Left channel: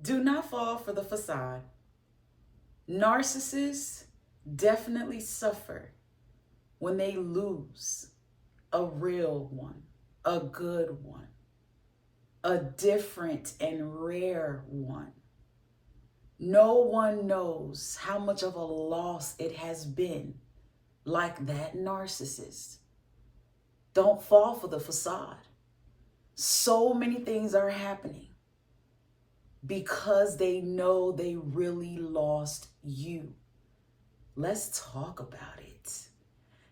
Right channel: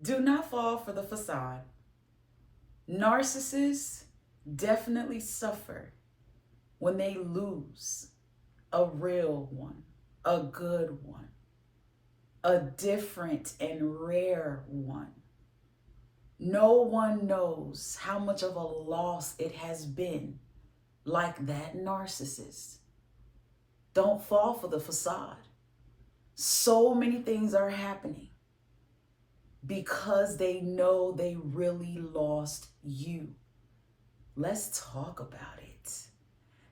Do not fall for the facade. Narcissists definitely suffer when they lose a real one, a good one, a different and rare one. No one knows how much of a loss it has been like that narcissist. Don't fall for the facade. So many things are happening because they know they really lost you. Let's talk about it.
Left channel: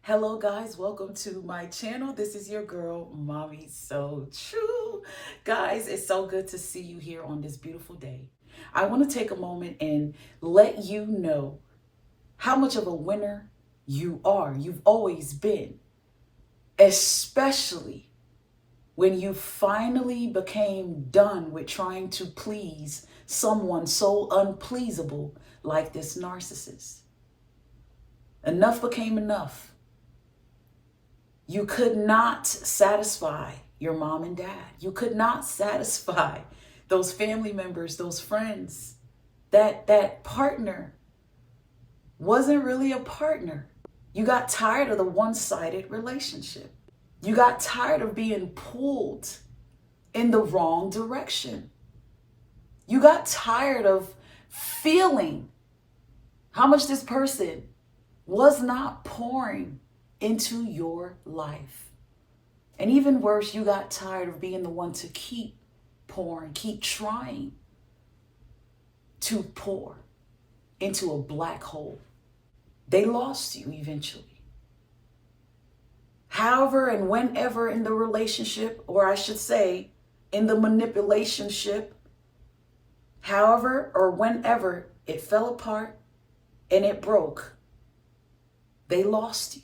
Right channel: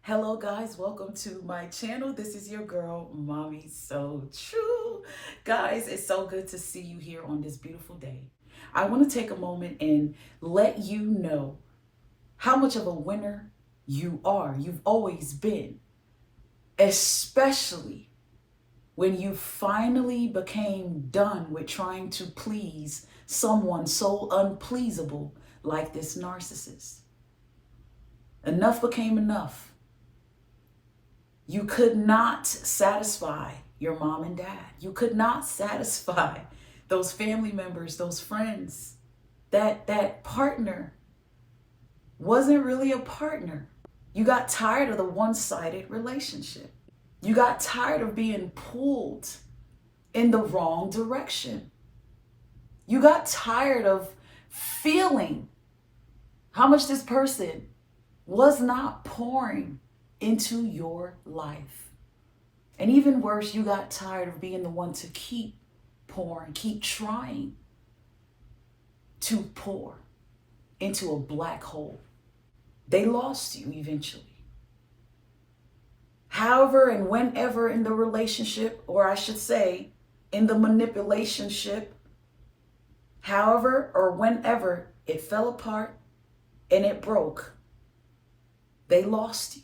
Hello guys, welcome to my channel. This is your girl, MamiSoTrue. Guys, it's so good to see you here on this beautiful day. I want to take a moment and let you know how much of a winner you are. You've always been, especially when you finally became done with trying to please someone so unpleasable like this narcissist. Enough became enough. You could not satisfy your mom and dad. You could not satisfy those family members, those friends. That partner wasn't really a partner. You got tired of the one-sided relationship. You got tired of being pulled in the wrong direction. You got tired of feeling how much this person was not pouring into your life. And even worse, you got tired of being the one to keep pouring, keep trying to pour into a black hole. They lost you eventually. However and whenever in the relationship, or I should say, in the manipulationship, however or whenever it fell apart and it broke, they lost you.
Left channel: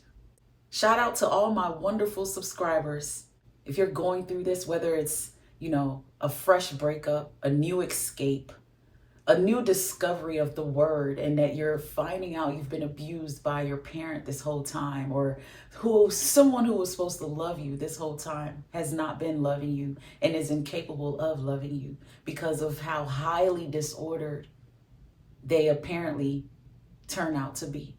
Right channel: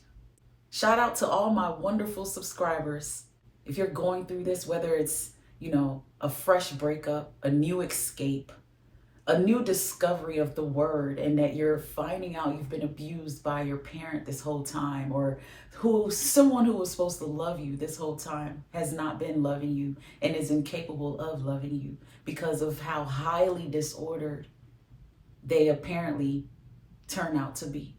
Shout out to all my wonderful subscribers. If you're going through this, whether it's, a fresh breakup, a new escape, a new discovery of the word, and that you're finding out you've been abused by your parent this whole time, or someone who was supposed to love you this whole time has not been loving you and is incapable of loving you because of how highly disordered they apparently turn out to be.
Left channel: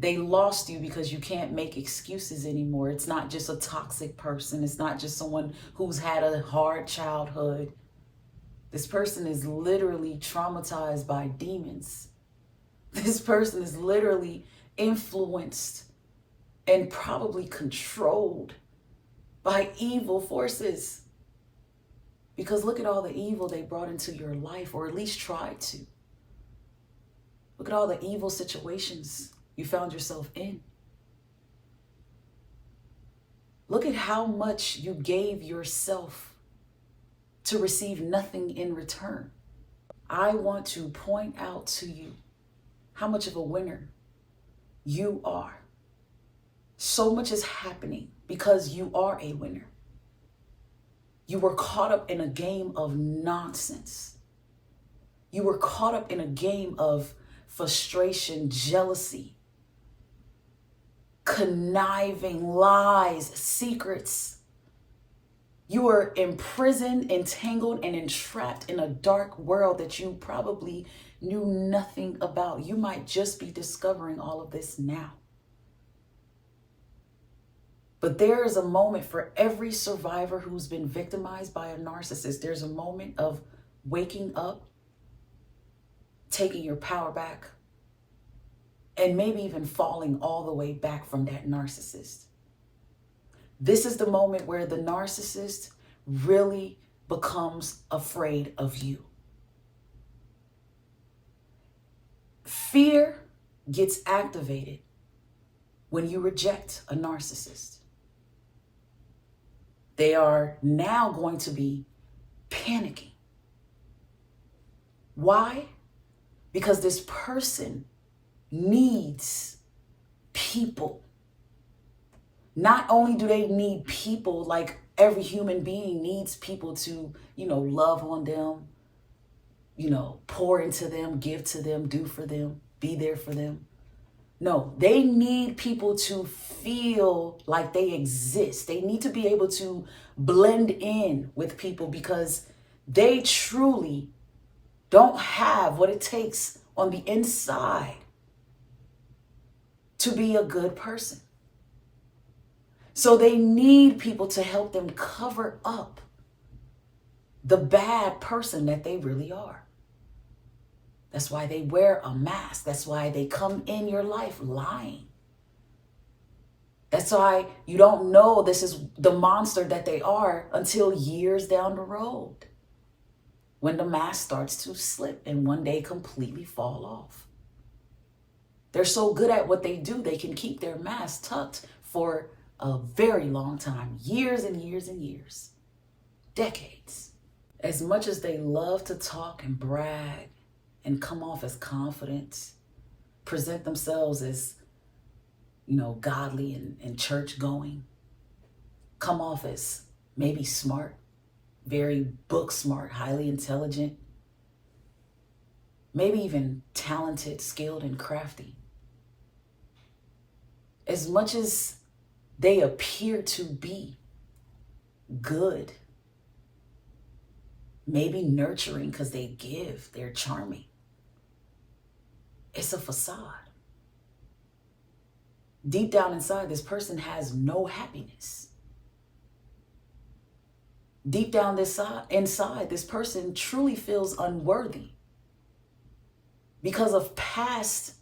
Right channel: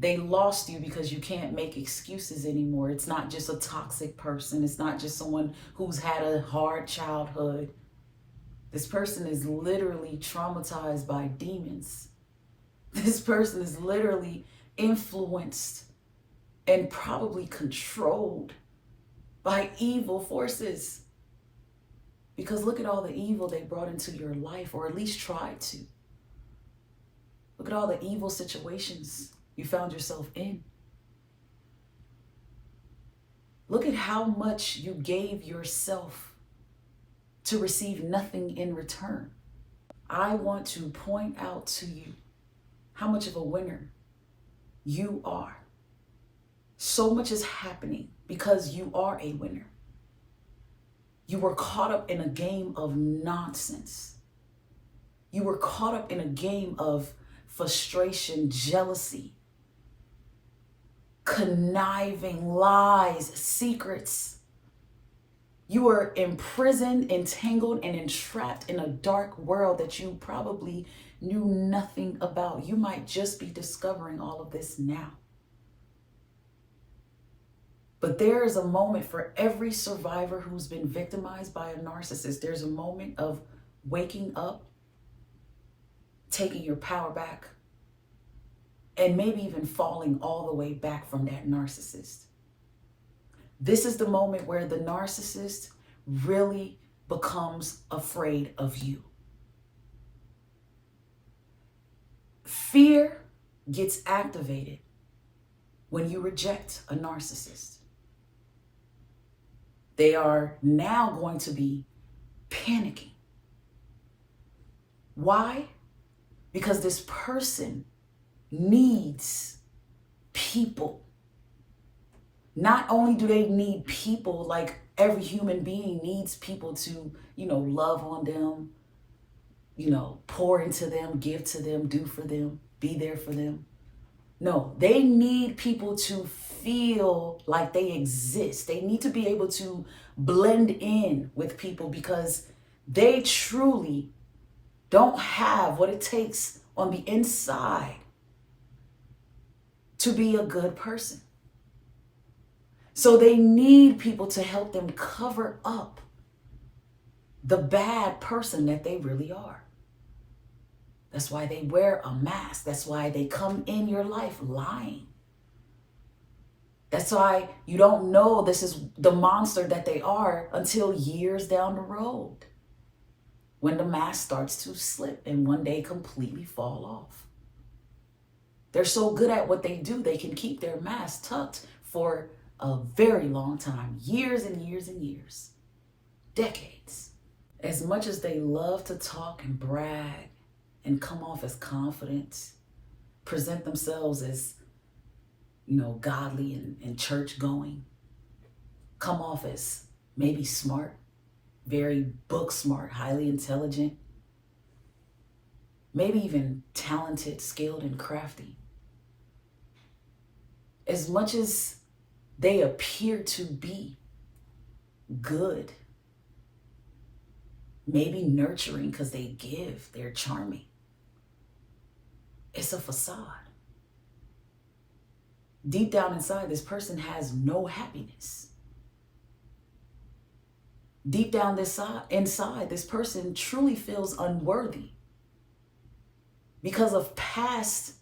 They lost you because you can't make excuses anymore. It's not just a toxic person. It's not just someone who's had a hard childhood. This person is literally traumatized by demons. This person is literally influenced and probably controlled by evil forces. Because look at all the evil they brought into your life, or at least tried to. Look at all the evil situations you found yourself in. Look at how much you gave yourself to receive nothing in return. I want to point out to you how much of a winner you are. So much is happening because you are a winner. You were caught up in a game of nonsense. You were caught up in a game of frustration, jealousy, conniving, lies, secrets. You were imprisoned, entangled, and entrapped in a dark world that you probably knew nothing about. You might just be discovering all of this now. But there is a moment for every survivor who's been victimized by a narcissist. There's a moment of waking up, taking your power back, and maybe even falling all the way back from that narcissist. This is the moment where the narcissist really becomes afraid of you. Fear gets activated when you reject a narcissist. They are now going to be panicking. Why? Because this person needs people. Not only do they need people, like every human being needs people to, love on them, pour into them, give to them, do for them, be there for them. No, they need people to feel like they exist. They need to be able to blend in with people because They truly don't have what it takes on the inside to be a good person. So they need people to help them cover up the bad person that they really are. That's why they wear a mask. That's why they come in your life lying. That's why you don't know this is the monster that they are until years down the road, when the mask starts to slip and one day completely fall off. They're so good at what they do, they can keep their mask tucked for a very long time, years and years and years, decades. As much as they love to talk and brag and come off as confident, present themselves as, godly and church going, come off as maybe smart, very book smart, highly intelligent, maybe even talented, skilled, and crafty. As much as they appear to be good, maybe nurturing because they give, they're charming, it's a facade. Deep down inside, this person has no happiness. Deep down inside, this person truly feels unworthy because of past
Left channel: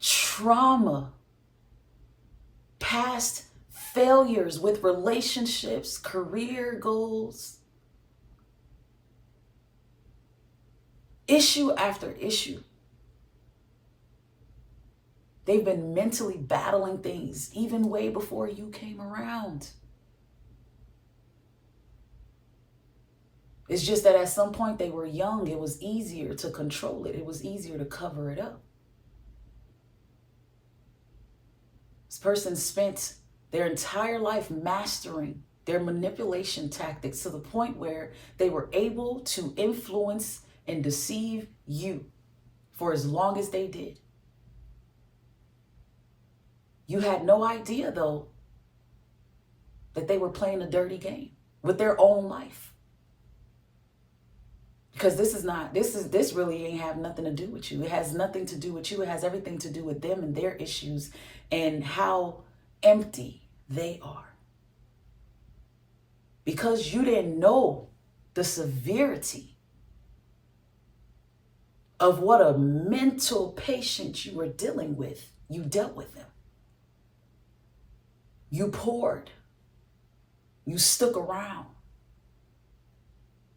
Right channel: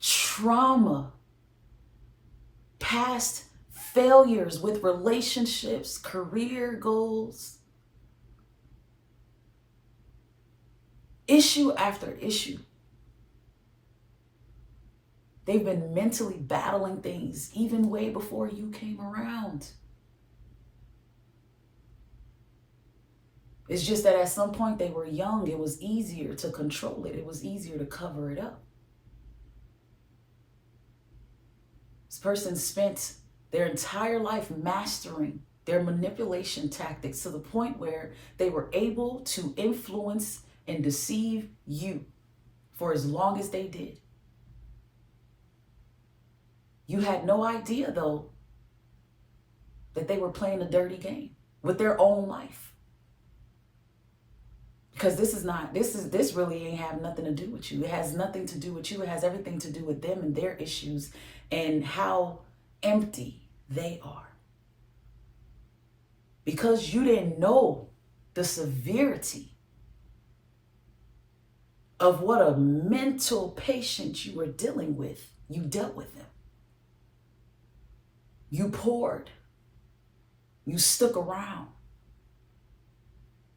trauma, past failures with relationships, career goals, issue after issue. They've been mentally battling things even way before you came around. It's just that at some point they were young. It was easier to control it. It was easier to cover it up. This person spent their entire life mastering their manipulation tactics to the point where they were able to influence and deceive you for as long as they did. You had no idea, though, that they were playing a dirty game with their own life. Because this really ain't have nothing to do with you. It has nothing to do with you. It has everything to do with them and their issues and how empty they are. Because you didn't know the severity of what a mental patient you were dealing with, you dealt with them. You poured. You stuck around.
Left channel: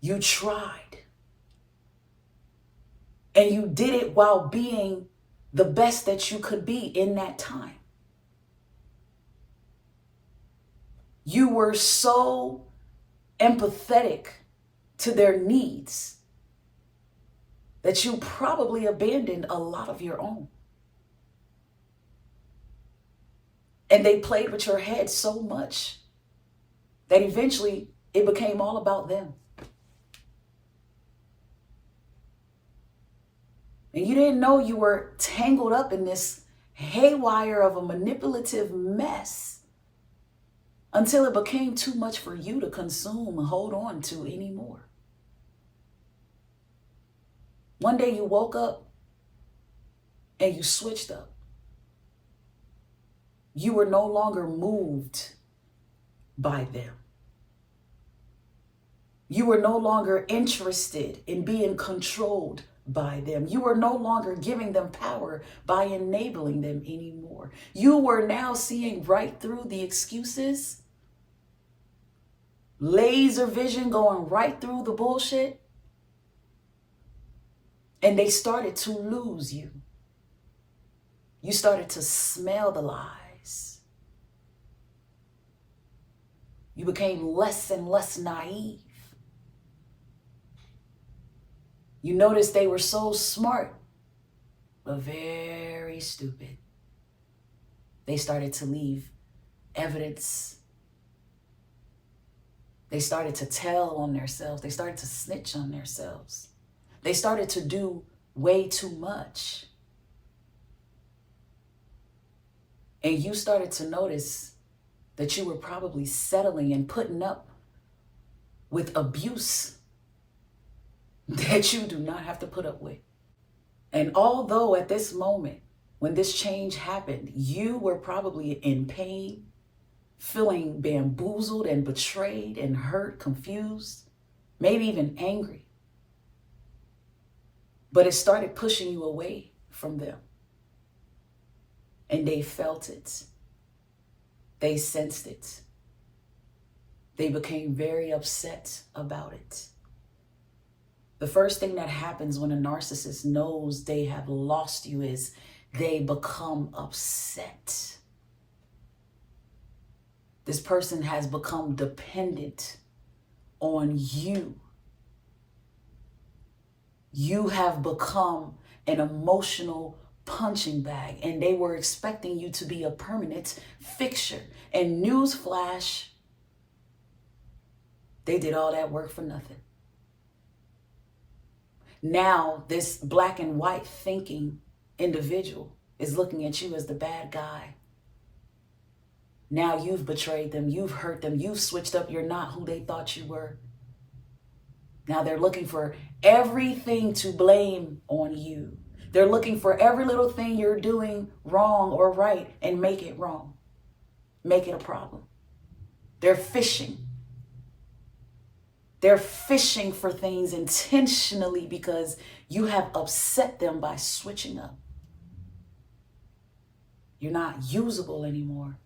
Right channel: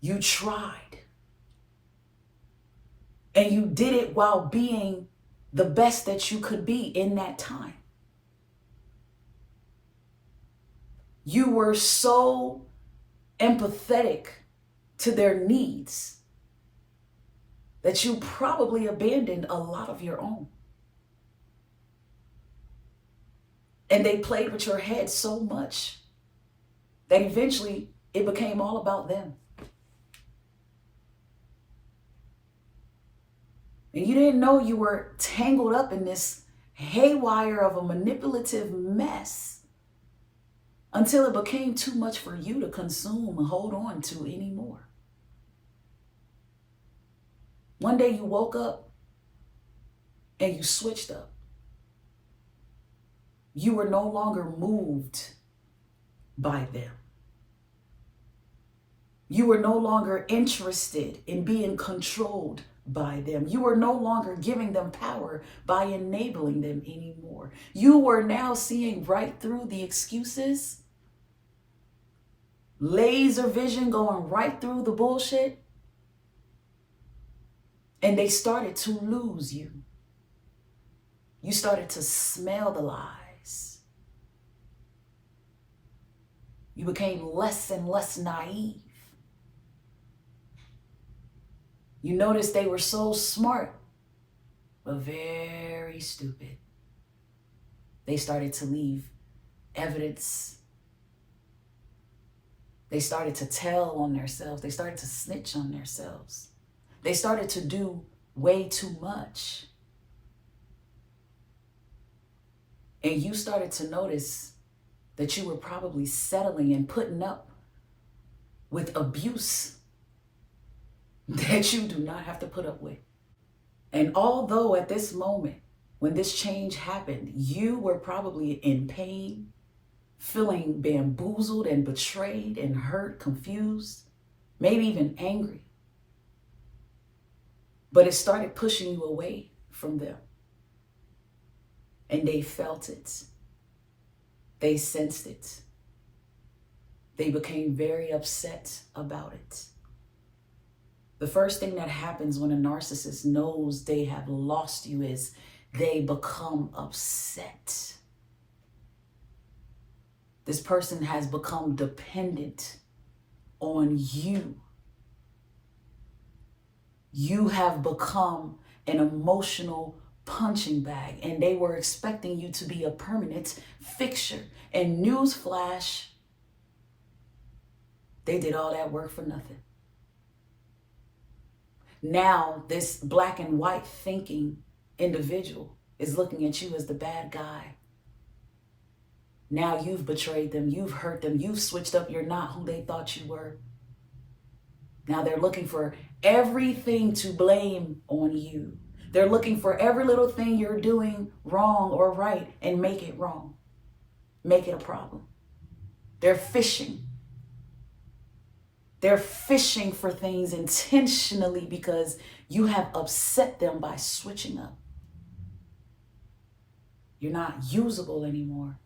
You tried. And you did it while being the best that you could be in that time. You were so empathetic to their needs that you probably abandoned a lot of your own. And they played with your head so much that eventually it became all about them. And you didn't know you were tangled up in this haywire of a manipulative mess until it became too much for you to consume and hold on to anymore. One day you woke up and you switched up. You were no longer moved by them. You were no longer interested in being controlled by them. You were no longer giving them power by enabling them anymore. You were now seeing right through the excuses, laser vision going right through the bullshit, and they started to lose you. You started to smell the lies. You became less and less naive. You noticed they were so smart, but very stupid. They started to leave evidence. They started to tell on themselves. They started to snitch on themselves. They started to do way too much. And you started to notice that you were probably settling and putting up with abuse that you do not have to put up with. And although at this moment, when this change happened, you were probably in pain, feeling bamboozled and betrayed and hurt, confused, maybe even angry. But it started pushing you away from them. And they felt it. They sensed it. They became very upset about it. The first thing that happens when a narcissist knows they have lost you is they become upset. This person has become dependent on you. You have become an emotional punching bag, and they were expecting you to be a permanent fixture. And newsflash, they did all that work for nothing. Now, this black and white thinking individual is looking at you as the bad guy. Now you've betrayed them, you've hurt them, you've switched up, you're not who they thought you were. Now they're looking for everything to blame on you. They're looking for every little thing you're doing wrong or right and make it wrong. Make it a problem. They're fishing. They're fishing for things intentionally because you have upset them by switching up. You're not usable anymore.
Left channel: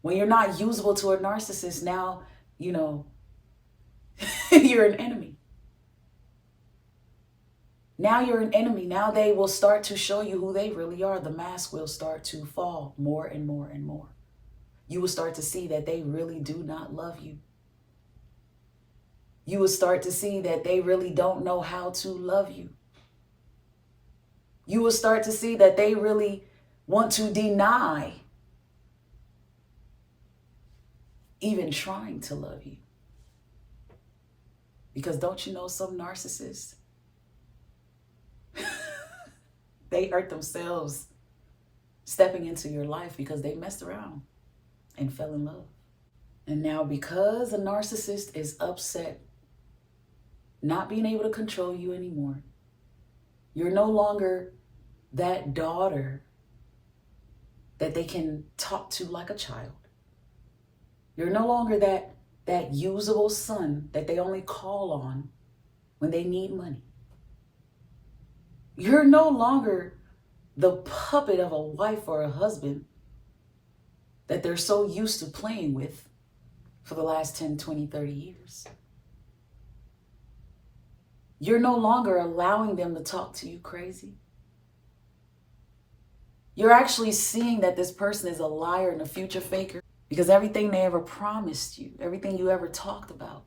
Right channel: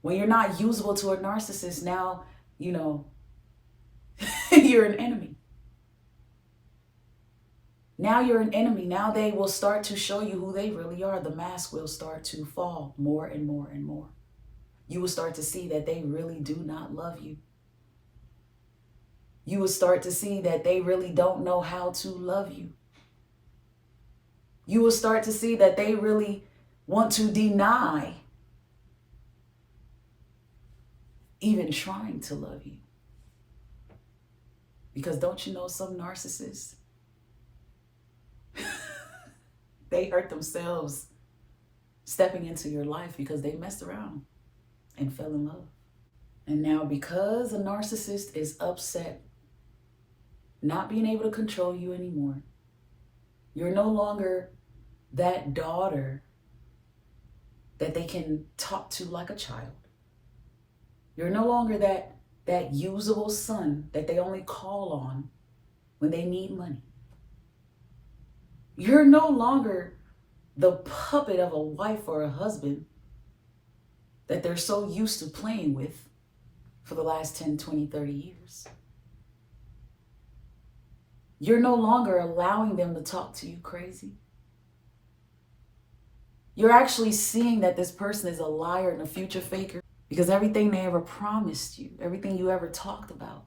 When you're not usable to a narcissist, now, you're an enemy. Now you're an enemy. Now they will start to show you who they really are. The mask will start to fall more and more and more. You will start to see that they really do not love you. You will start to see that they really don't know how to love you. You will start to see that they really want to deny even trying to love you. Because don't you know some narcissists, they hurt themselves stepping into your life because they messed around and fell in love. And now because a narcissist is upset, not being able to control you anymore, you're no longer that daughter that they can talk to like a child. You're no longer that usable son that they only call on when they need money. You're no longer the puppet of a wife or a husband that they're so used to playing with for the last 10, 20, 30 years. You're no longer allowing them to talk to you crazy. You're actually seeing that this person is a liar and a future faker because everything they ever promised you, everything you ever talked about,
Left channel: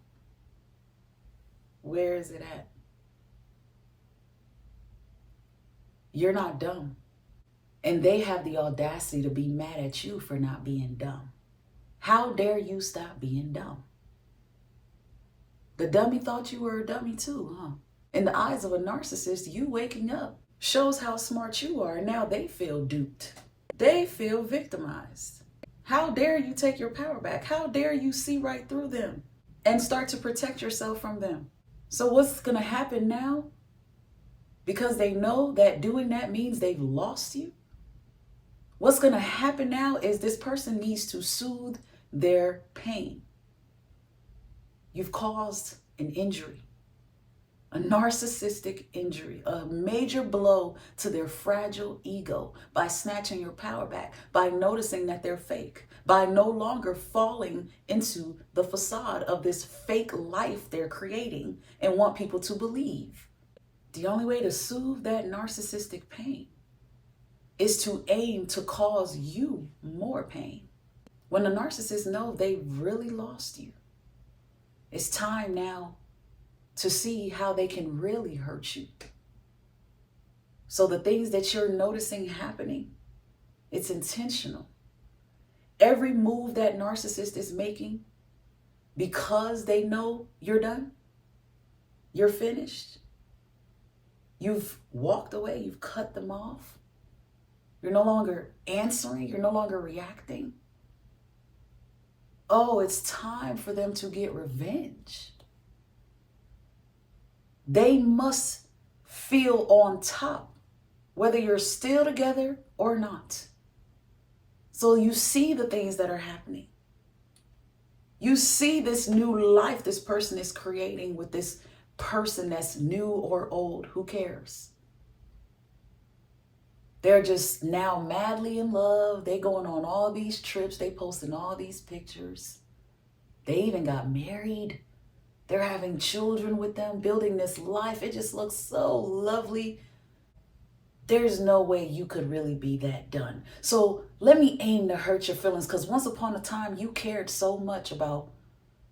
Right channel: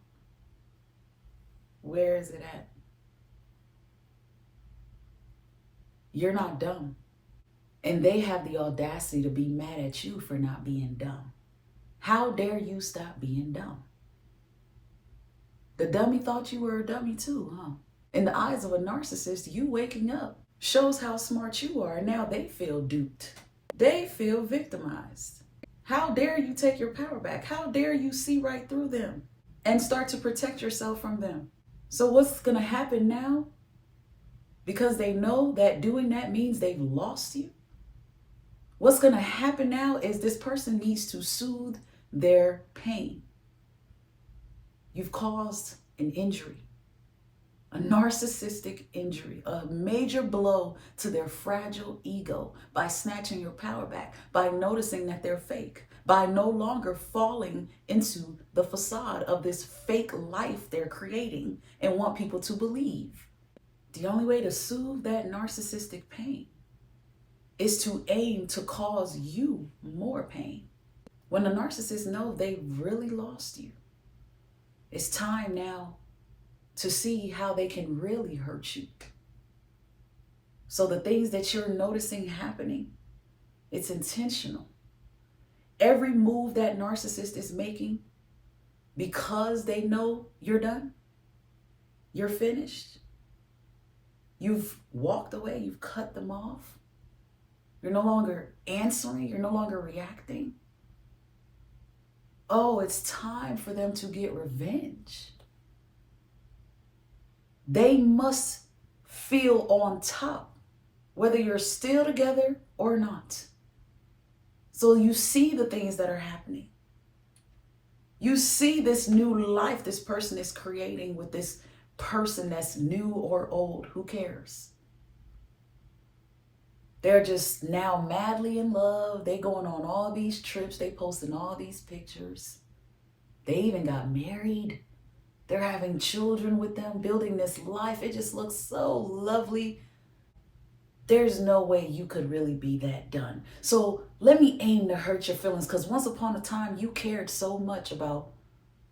where is it at? You're not dumb. And they have the audacity to be mad at you for not being dumb. How dare you stop being dumb? The dummy thought you were a dummy too, huh? In the eyes of a narcissist, you waking up shows how smart you are. And now they feel duped. They feel victimized. How dare you take your power back? How dare you see right through them and start to protect yourself from them? So what's going to happen now? Because they know that doing that means they've lost you. What's going to happen now is this person needs to soothe their pain. You've caused an injury, a narcissistic injury, a major blow to their fragile ego by snatching your power back, by noticing that they're fake, by no longer falling into the facade of this fake life they're creating and want people to believe. The only way to soothe that narcissistic pain is to aim to cause you more pain. When the narcissists know they've really lost you, it's time now to see how they can really hurt you. So the things that you're noticing happening, it's intentional. Every move that narcissist is making, because they know you're done, you're finished, you've walked away, you've cut them off, you're no longer answering, you're no longer reacting. Oh, it's time for them to get revenge. They must feel on top, whether you're still together or not. So you see the things that are happening. You see this new life this person is creating with this person that's new or old. Who cares? They're just now madly in love. They going on all these trips. They posting all these pictures. They even got married. They're having children with them, building this life. It just looks so lovely. There's no way you could really be that done. So let me aim to hurt your feelings, because once upon a time you cared so much about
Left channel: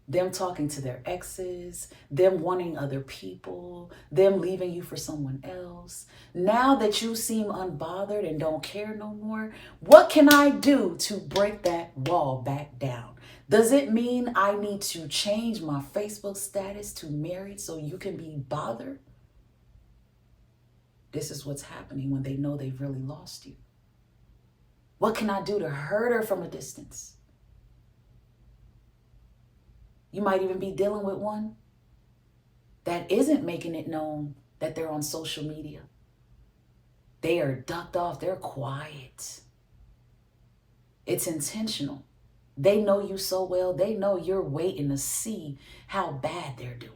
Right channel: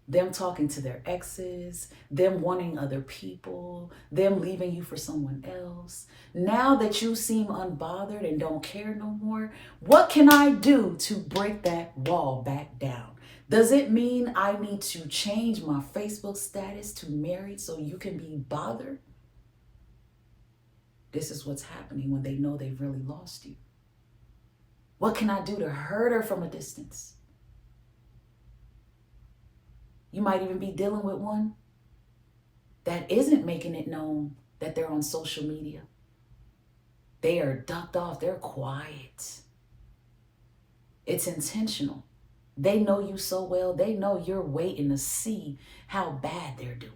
them talking to their exes, them wanting other people, them leaving you for someone else. Now that you seem unbothered and don't care no more, what can I do to break that wall back down? Does it mean I need to change my Facebook status to married so you can be bothered? This is what's happening when they know they've really lost you. What can I do to hurt her from a distance? You might even be dealing with one that isn't making it known that they're on social media. They are ducked off. They're quiet. It's intentional. They know you so well. They know you're waiting to see how bad they're doing.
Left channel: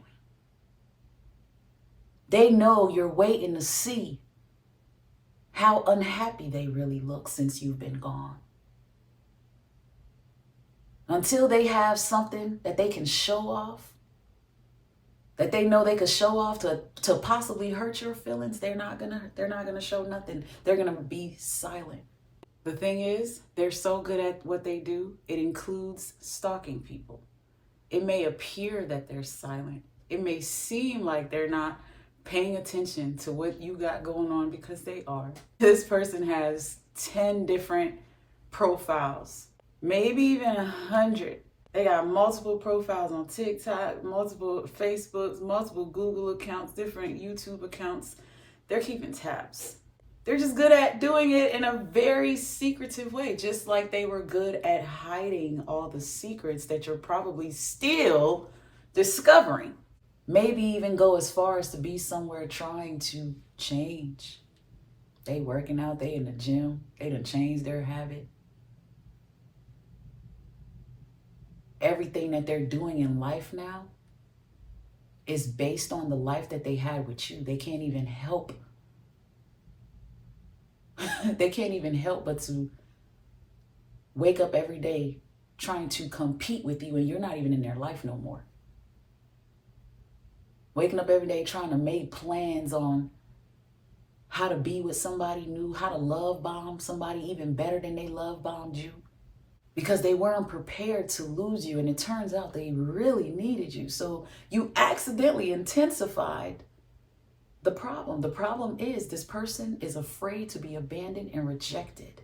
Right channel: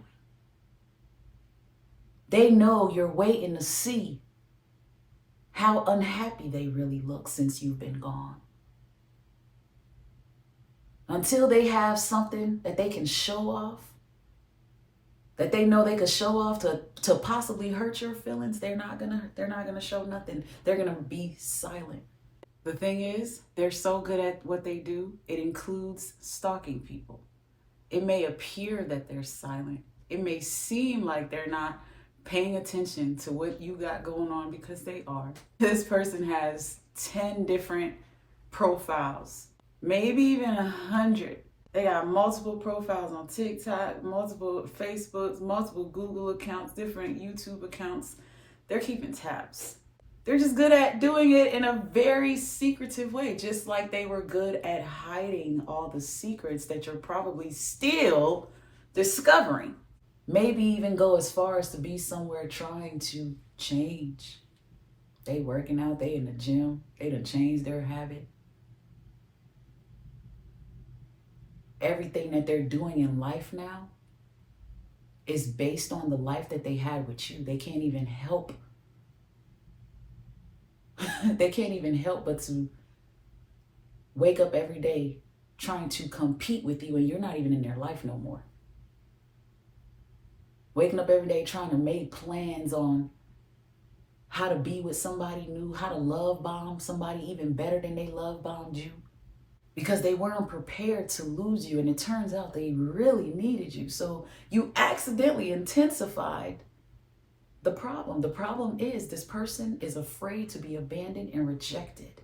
They know you're waiting to see how unhappy they really look since you've been gone. Until they have something that they can show off, that they know they could show off to possibly hurt your feelings, they're not gonna show nothing. They're gonna be silent. The thing is, they're so good at what they do, it includes stalking people. It may appear that they're silent. It may seem like they're not paying attention to what you got going on, because they are. This person has 10 different profiles, maybe even 100. They got multiple profiles on TikTok, multiple Facebooks, multiple Google accounts, different YouTube accounts. They're keeping tabs. They're just good at doing it in a very secretive way, just like they were good at hiding all the secrets that you're probably still discovering. Maybe even go as far as to be somewhere trying to change. They working out, they in the gym, they done changed their habit. Everything that they're doing in life now is based on the life that they had with you. They can't even help. They can't even help but to wake up every day trying to compete with you, and you're not even in their life no more. Waking up every day trying to make plans on how to be with somebody new, how to love bomb somebody even better than they love bombed you, because they weren't prepared to lose you. And it turns out they really needed you. So you accidentally intensified the problem. The problem is this person is afraid to be abandoned and rejected.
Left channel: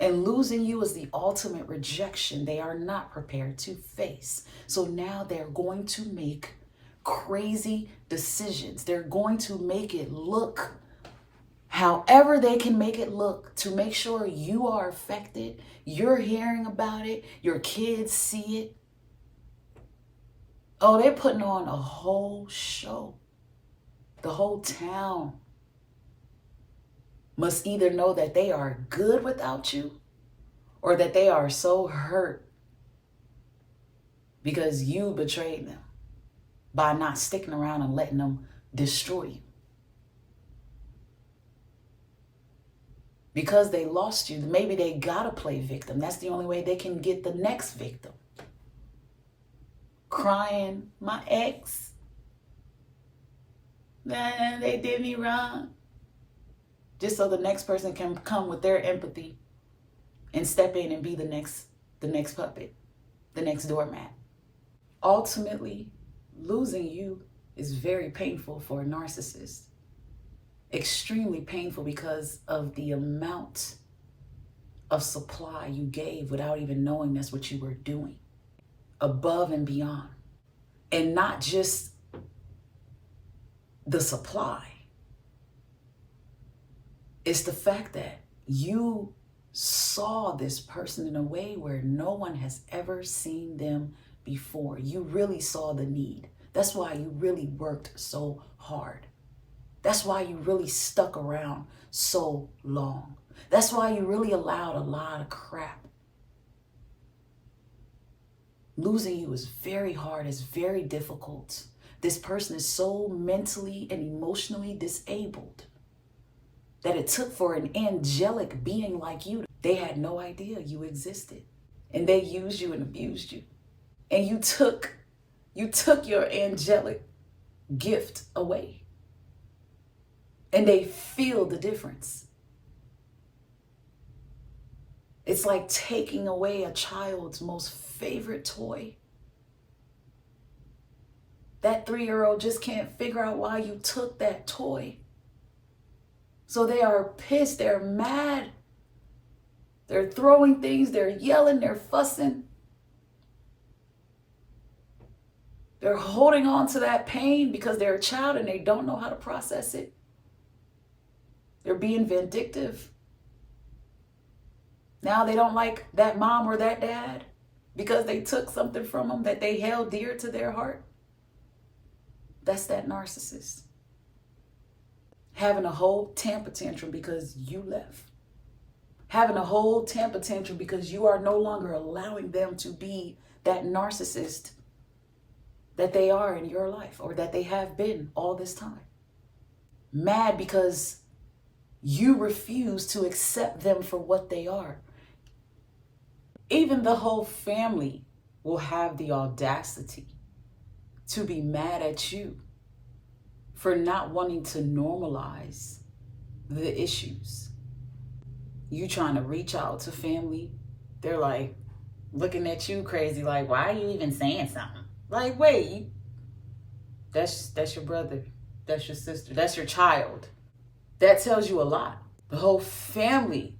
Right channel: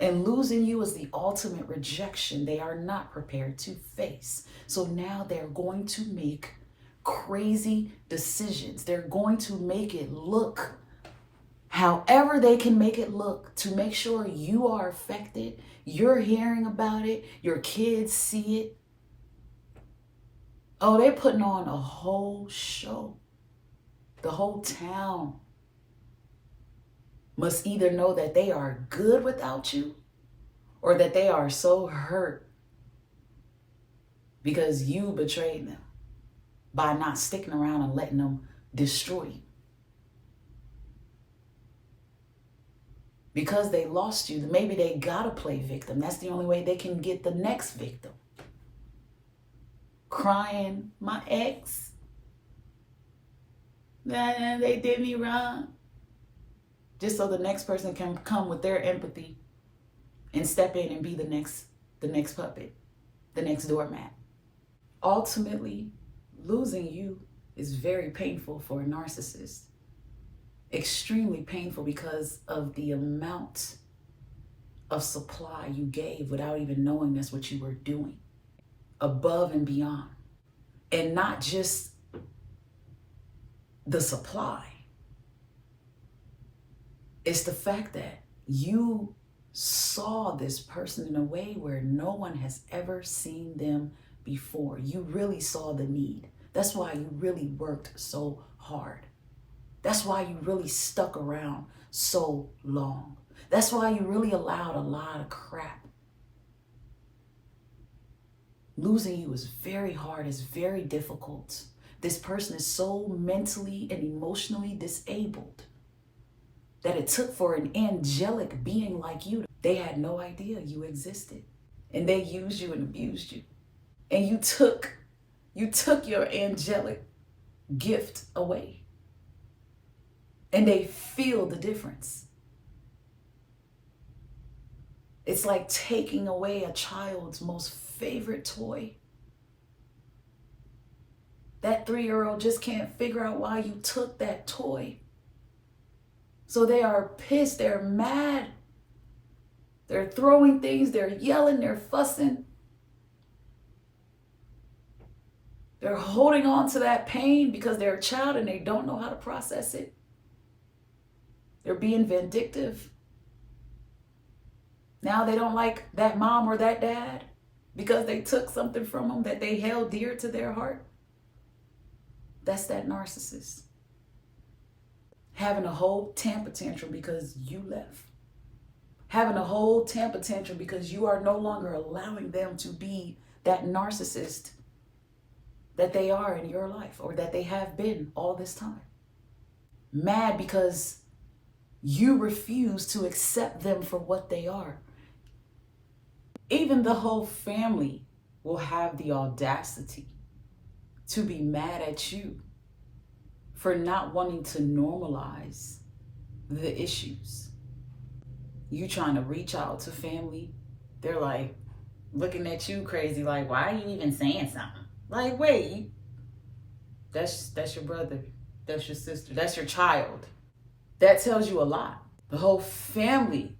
And losing you is the ultimate rejection they are not prepared to face. So now they're going to make crazy decisions. They're going to make it look however they can make it look to make sure you are affected. You're hearing about it. Your kids see it. Oh, they're putting on a whole show. The whole town must either know that they are good without you, or that they are so hurt because you betrayed them by not sticking around and letting them destroy you. Because they lost you, maybe they gotta play victim. That's the only way they can get the next victim. Crying, my ex, they did me wrong. Just so the next person can come with their empathy and step in and be the next puppet, the next doormat. Ultimately, losing you is very painful for a narcissist. Extremely painful because of the amount of supply you gave without even knowing that's what you were doing. Above and beyond. And not just the supply. It's the fact that you saw this person in a way where no one has ever seen them before. You really saw the need. That's why you really worked so hard. That's why you really stuck around so long. That's why you really allowed a lot of crap. Losing you is very hard, it's very difficult. This person is so mentally and emotionally disabled that it took for an angelic being like you. They had no idea you existed. And they used you and abused you. And you took your angelic gift away. And they feel the difference. It's like taking away a child's most favorite toy. That 3-year-old just can't figure out why you took that toy. So they are pissed, they're mad. They're throwing things, they're yelling, they're fussing. They're holding on to that pain because they're a child and they don't know how to process it. They're being vindictive. Now they don't like that mom or that dad because they took something from them that they held dear to their heart. That's that narcissist. Having a whole temper tantrum because you left. Having a whole temper tantrum because you are no longer allowing them to be that narcissist that they are in your life or that they have been all this time. Mad because you refuse to accept them for what they are. Even the whole family will have the audacity to be mad at you for not wanting to normalize the issues. You trying to reach out to family, they're like looking at you crazy, like, why are you even saying something? Like, wait, that's your brother, that's your sister, that's your child. That tells you a lot. The whole family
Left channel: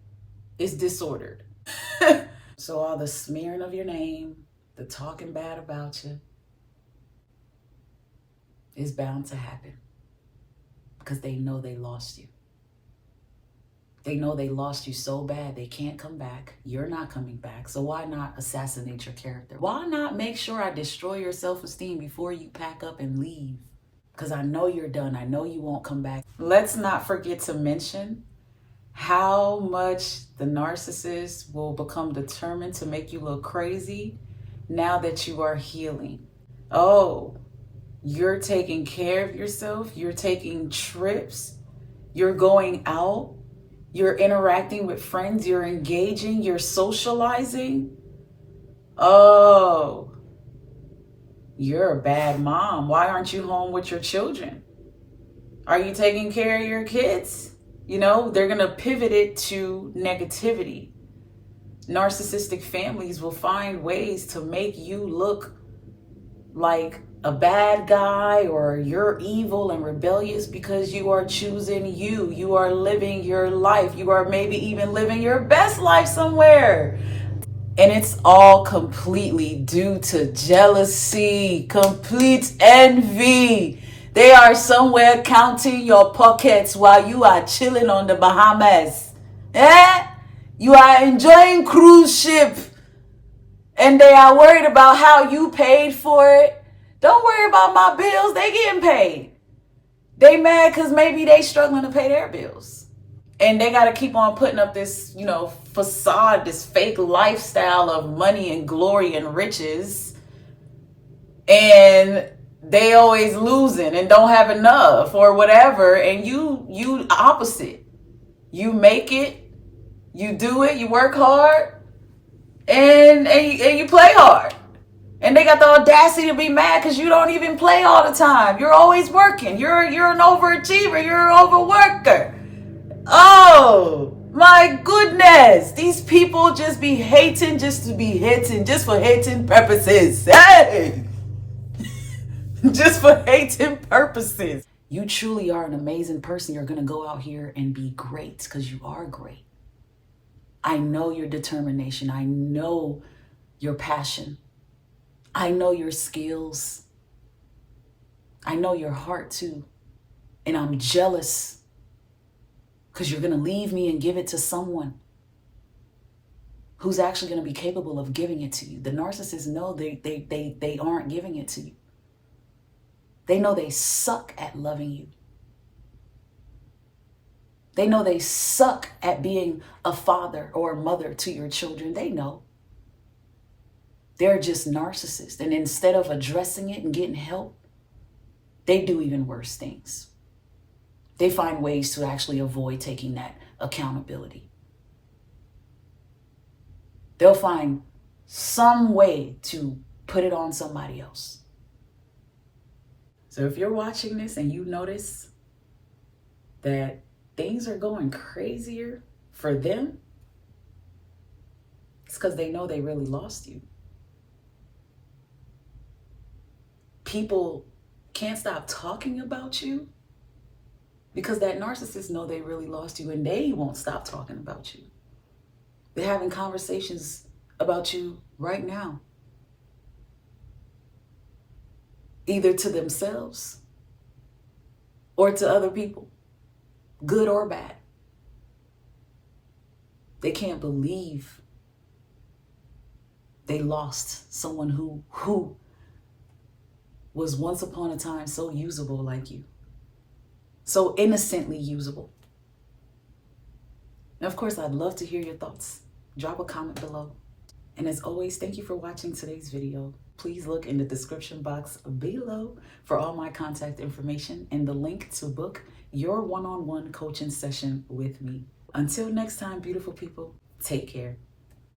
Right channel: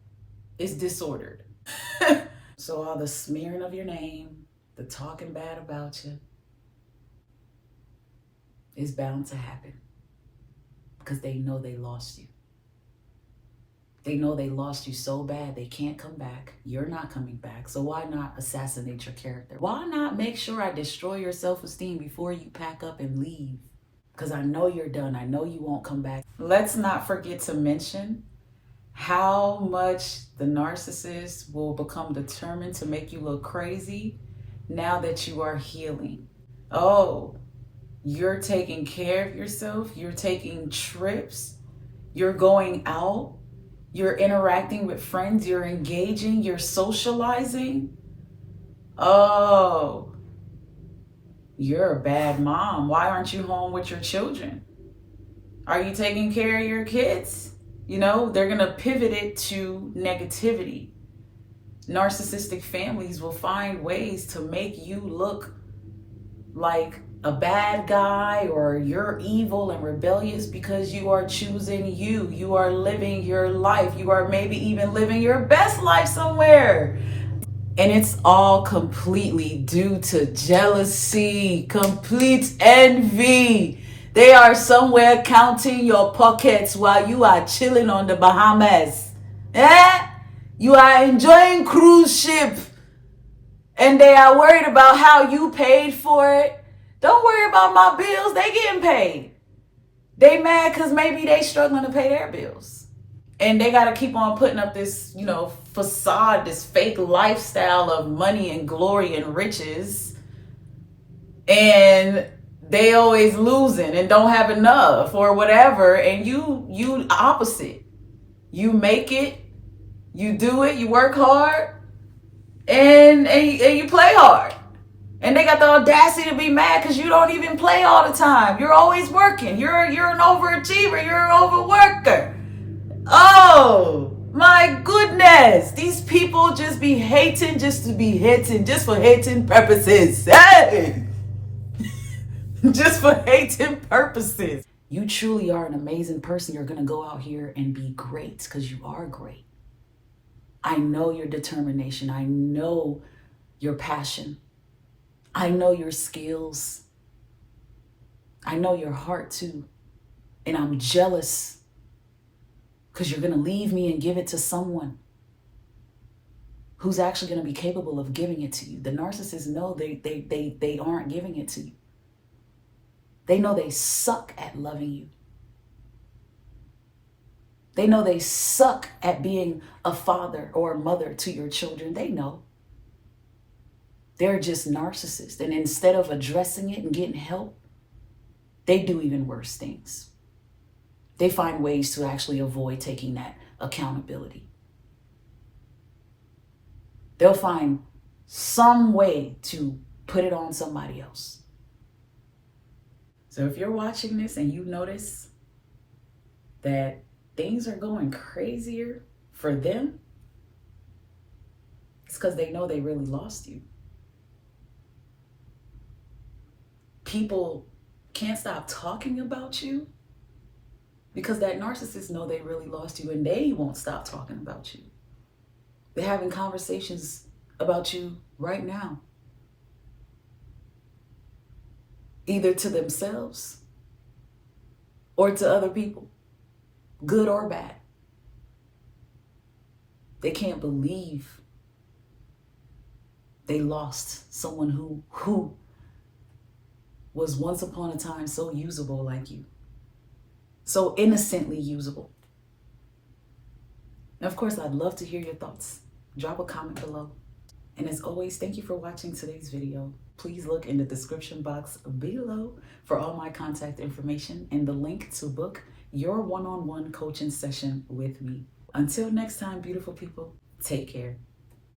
is disordered. So all the smearing of your name, the talking bad about you, is bound to happen because they know they lost you. They know they lost you so bad they can't come back. You're not coming back. So why not assassinate your character? Why not make sure I destroy your self-esteem before you pack up and leave? Because I know you're done. I know you won't come back. Let's not forget to mention how much the narcissist will become determined to make you look crazy now that you are healing. Oh, you're taking care of yourself. You're taking trips. You're going out. You're interacting with friends. You're engaging. You're socializing. Oh, you're a bad mom. Why aren't you home with your children? Are you taking care of your kids? You know, they're going to pivot it to negativity. Narcissistic families will find ways to make you look like a bad guy or you're evil and rebellious because you are choosing you. You are living your life. You are maybe even living your best life somewhere. And it's all completely due to jealousy, complete envy. They are somewhere counting your pockets while you are chilling on the Bahamas. You are enjoying cruise ship and they are worried about how you paid for it. Don't worry about my bills. They getting paid. They mad because maybe they struggling to pay their bills. And they got to keep on putting up this, facade, this fake lifestyle of money and glory and riches. And they always losing and don't have enough or whatever. And you opposite. You make it, you do it, you work hard, and you play hard. And they got the audacity to be mad because you don't even play all the time. You're always working. You're an overachiever. You're an overworker. Oh, my goodness. These people just be hating just to be hating, just for hating purposes. Hey! Just for hating purposes. You truly are an amazing person. You're going to go out here and be great because you are great. I know your determination. I know your passion. I know your skills. I know your heart too. And I'm jealous because you're going to leave me and give it to someone who's actually going to be capable of giving it to you. The narcissists know they aren't giving it to you. They know they suck at loving you. They know they suck at being a father or a mother to your children. They know. They're just narcissists. And instead of addressing it and getting help, they do even worse things. They find ways to actually avoid taking that accountability. They'll find some way to put it on somebody else. So if you're watching this and you notice that things are going crazier for them, it's because they know they really lost you. People can't stop talking about you because that narcissist know they really lost you, and they won't stop talking about you. They're having conversations about you right now, either to themselves or to other people, good or bad. They can't believe they lost someone who was once upon a time so usable like you, so innocently usable. And of course, I'd love to hear your thoughts. Drop a comment below. And as always, thank you for watching today's video. Please look in the description box below for all my contact information and the link to book your one-on-one coaching session with me. Until next time, beautiful people, take care.